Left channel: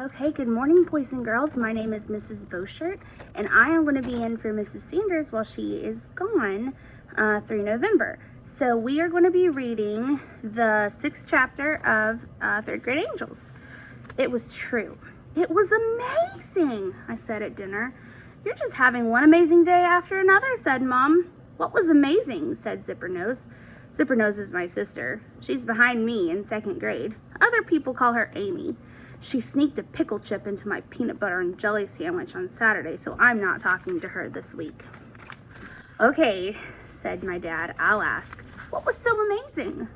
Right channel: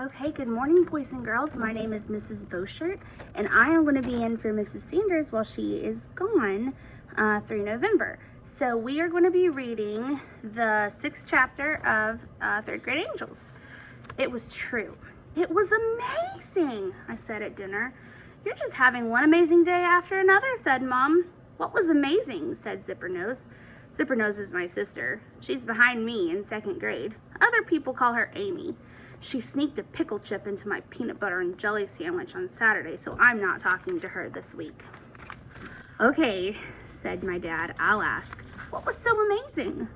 Okay, good morning, boys and girls. My name is Mrs. Beaushirt, and I am going to be in for Mrs. Sanders while she is gone through November. So we are going to be reading the 6th chapter of 3rd Grade Angels. It was true. It was amazing, I said at dinner. You're just having one amazing day after another, said Mom. What was amazing, said Zippernose. Zippernose is my sister. She's behind me in 2nd grade. Other people call her Amy. She sneaked a pickle chip into my peanut butter and jelly sandwich on Saturday, so I'm not talking to her this week. Okay, said my dad, I'll ask. What was so amazing?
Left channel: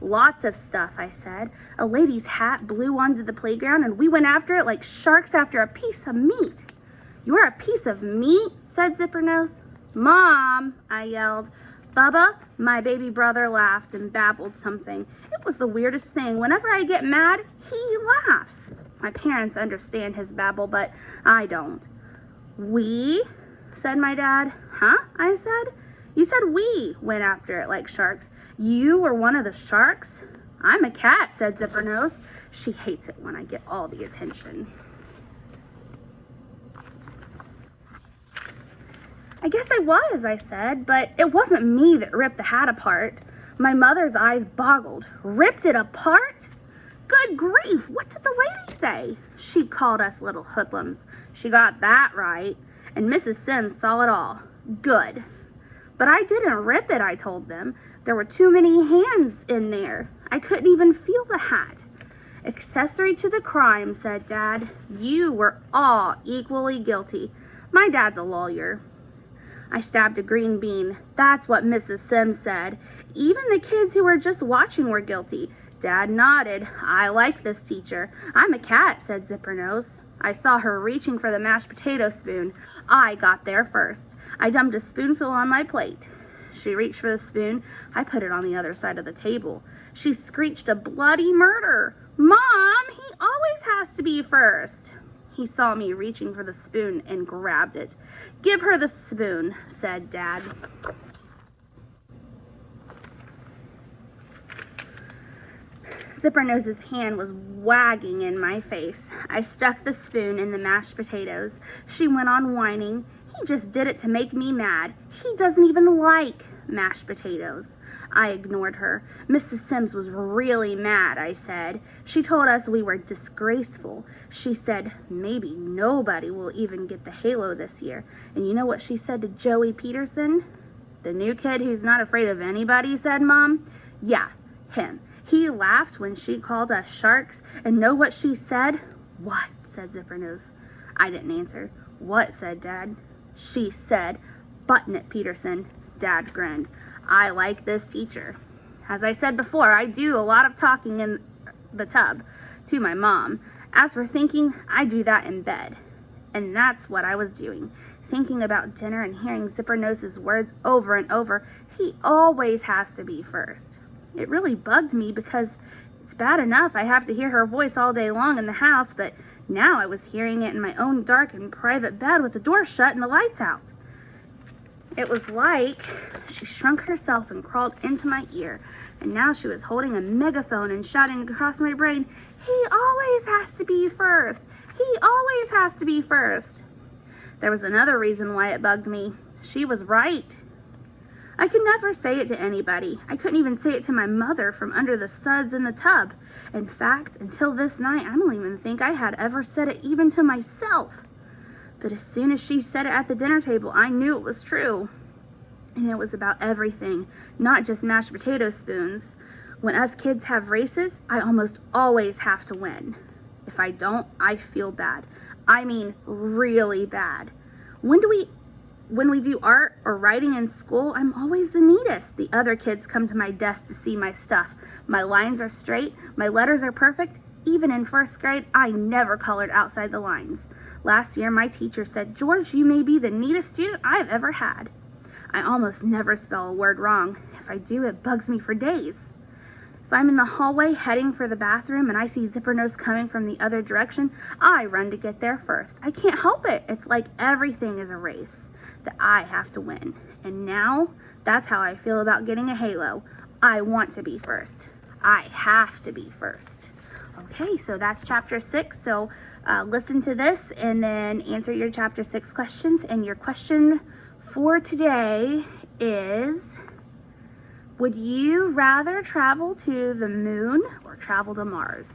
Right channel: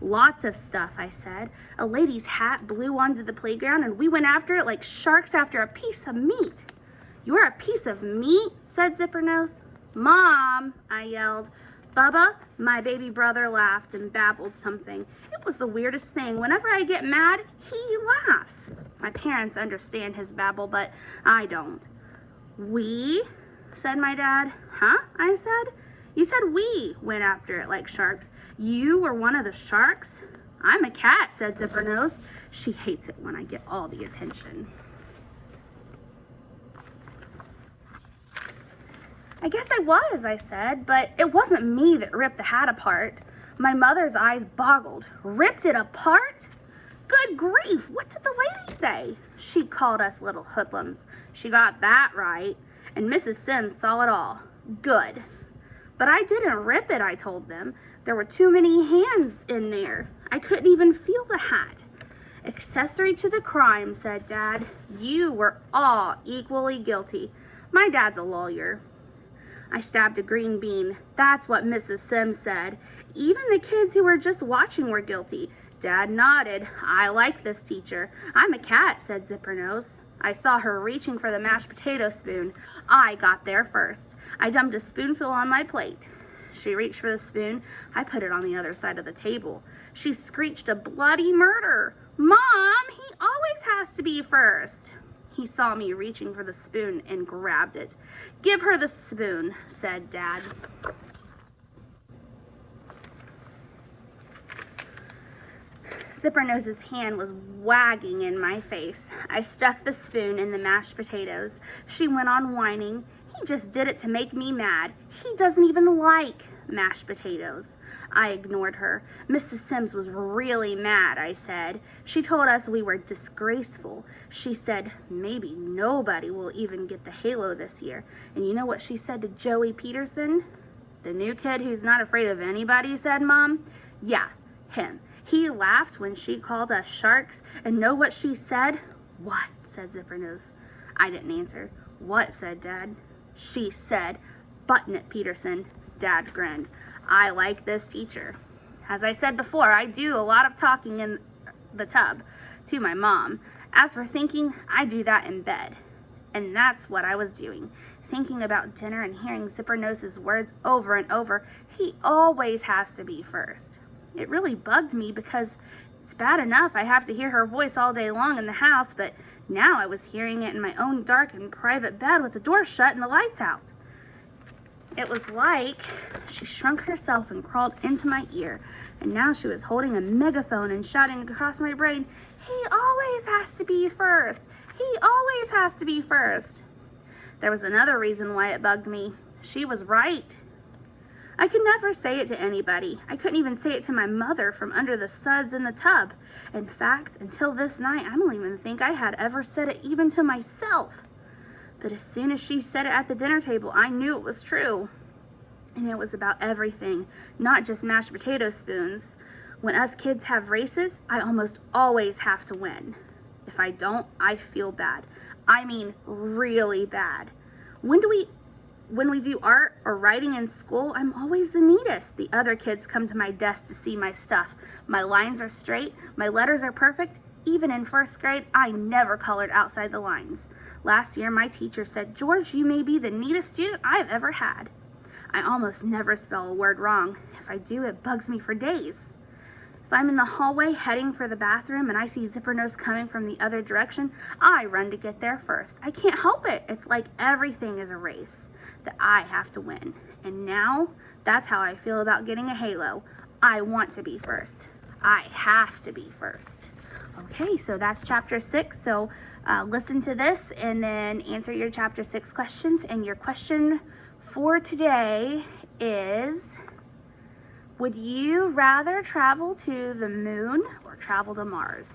Lots of stuff, I said. A lady's hat blew onto the playground and we went after it like sharks after a piece of meat. You're a piece of meat, said Zippernose. Mom, I yelled. Bubba, my baby brother, laughed and babbled something. It was the weirdest thing. Whenever I get mad, he laughs. My parents understand his babble, but I don't. We? Said my dad. Huh? I said. You said we went after it like sharks. You were one of the sharks? I'm a cat, said Zippernose. She hates it when I get all the attention. I guess I was, I said, but it wasn't me that ripped the hat apart. My mother's eyes boggled. Ripped it apart? Good grief, what did the lady say? She called us little hoodlums. She got that right. And Mrs. Sims saw it all. Good. But I didn't rip it, I told them. There were too many hands in there. I couldn't even feel the hat. Accessory to the crime, said Dad. You were all equally guilty. My dad's a lawyer. I stabbed a green bean. That's what Mrs. Sims said. Even the kids who were just watching were guilty. Dad nodded. I like this teacher. I'm a cat, said Zippernose. I saw her reaching for the mashed potato spoon. I got there first. I dumped a spoonful on my plate. She reached for the spoon. I put it on the other side of the table. She screeched a bloody murder. Mom, he always has to be first. He saw me reaching for the spoon and grabbed it. Give her the spoon, said Dad. Zippernose's hand was wagging in my face. I stuck the spoon in the mashed potatoes. She went on whining. He just did it to make me mad. He doesn't even like mashed potatoes. I ignored her. Mrs. Sims was really mad, I said. She told us we were disgraceful. She said maybe nobody will even get the halo this year. And you know what she said to Joey Peterson? The new kid who's not afraid of anybody, said Mom. Yeah, him. He laughed when she called us sharks. And know what she said? What? Said Zippernose. I didn't answer. What? Said Dad. She said, button it, Peterson. Dad grinned. I like this teacher. As I said before, I do a lot of talking in the tub to my mom. As for thinking, I do that in bed. And that's what I was doing. Thinking about dinner and hearing Zippernose's words over and over. He always has to be first. It really bugged me because it's bad enough I have to hear her voice all day long in the house, but now I was hearing it in my own dark and private bed with the door shut and the lights out. It was like she shrunk herself and crawled into my ear, and now she was holding a megaphone and shouting across my brain, he always has to be first. He always has to be first. There was another reason why it bugged me. She was right. I could never say it to anybody. I couldn't even say it to my mother from under the suds in the tub. In fact, until this night, I don't even think I had ever said it even to myself. But as soon as she said it at the dinner table, I knew it was true. And it was about everything, not just mashed potato spoons. When us kids have races, I almost always have to win. If I don't, I feel bad. I mean, really bad. When we do art or writing in school, I'm always the neatest. The other kids come to my desk to see my stuff. My lines are straight, my letters are perfect. Even in 1st grade, I never colored outside the lines. Last year, my teacher said, George, you may be the neatest student I've ever had. I almost never spell a word wrong. If I do, it bugs me for days. If I'm in the hallway heading for the bathroom and I see Zippernose coming from the other direction, I run to get there first. I can't help it. It's like everything is a race that I have to win. And now, that's how I feel about getting a halo. I want to be first. I have to be first. Okay, so that's chapter 6. So listen to this and then answer your chapter 6 questions. And your question for today is, would you rather travel to the moon or travel to Mars?